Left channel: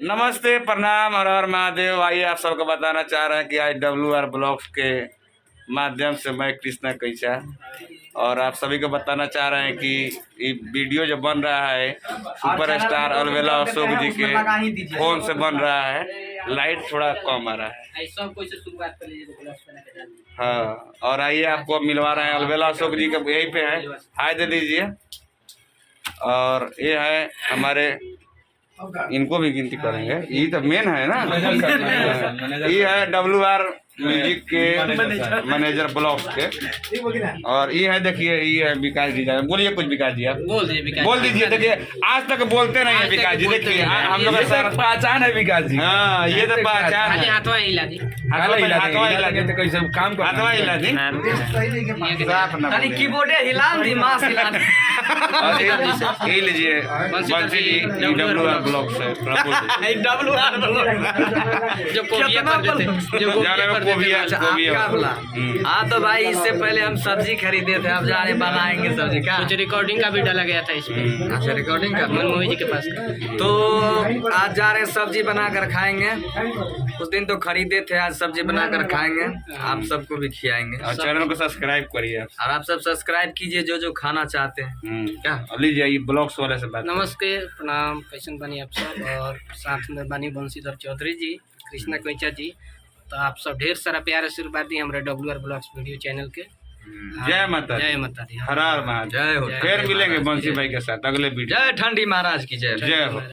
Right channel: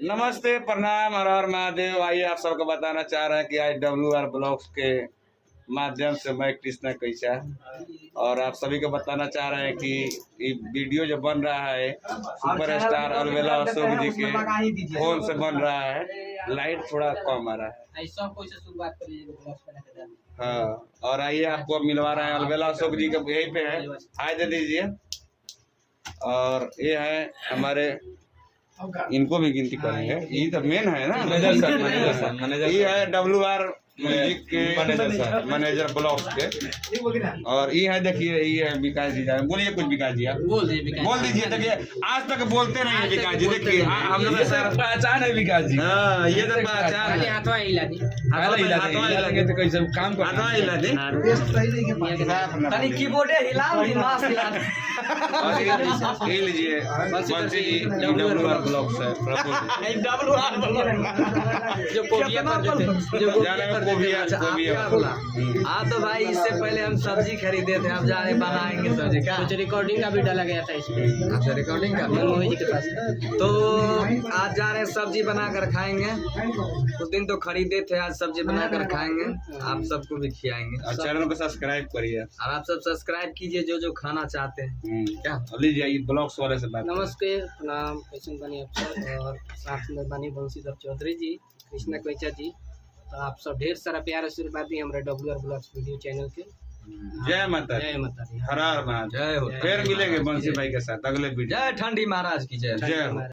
नमस्ते, प्रणाम, हर हर महादेव। आइए आप सबको बताना चाह रहे हैं कि आज WR ब्लॉग्स के माध्यम से मैं कृष्णा कैचा और आप सभी को बताना चाह रहे हैं कि ये वीडियो जो बन रहा है सुपरस्टार अलबेला अशोक जी के फोन से बन रहा है। लाइट थोड़ा कम आ रहा है। हाँ, और आइए आपको मिलवा रहे हैं अलबेला अशोक जी का, यहीं पे है। हाय दे दीजिए। और ये है हमारे, इनको भी गिनती करेंगे, ये तो मेन है ना। ये है WR म्यूजिक के मैनेजर ब्लॉक के। और ये है, देखिए, ये है विकास जी। बोलिए कुछ विकास जी, आप बोल दीजिए। देखिए, आज तक बोलते नहीं है विकास जी। देखिए, हम लोग पहचान है विकास जी। हाँ, ये तो पहचान है। हाथवा हिला दी तो कैसे काम हाथवा हिला दी। तनी कीबोर्डे हिला दी, माउस हिला दी। ये लीजिए बंसी जी, WR ब्लॉक से WR जो कोबिया जो जाने में कोबिया। हाँ तो भाई, इससे पहले हम सब्जी खरीदे थे, अब जा रहे बनाएंगे सब्जी का। कुछ रिकॉर्डिंग का भी डाला गया था इसमें। अच्छा, रिकॉर्डिंग का मनमोही जी के पास। तो आज जा रहे हैं सब्जी बनाकर खाएंगे। उस दिन तो खरीदे थे, आज सब्जी बनाकर खाएंगे, आप सबको भी खिलाएंगे। और चैनल को सब्सक्राइब करिए और आप सब सब्सक्राइब कीजिए जो खाना चाहते हैं। क्या लीजिए, ये ब्लॉग्स वाले से बात। नमस्ते, प्रणाम, कैसन बनी आप सब। और साथ में बनी बंशीधर चौधरी जी, कृष्णा कैचा जी। तो आप सब ढेर सारा प्यार आशीर्वाद दी हमारे WR ब्लॉग्स वीडियो चैनल के। जय माता, जय माता दी। हर हर महादेव। जय हो। फिर मिलेंगे बंसी भाई के साथ अगले वीडियो। जय ठंडी महाराज की जय। जय हो।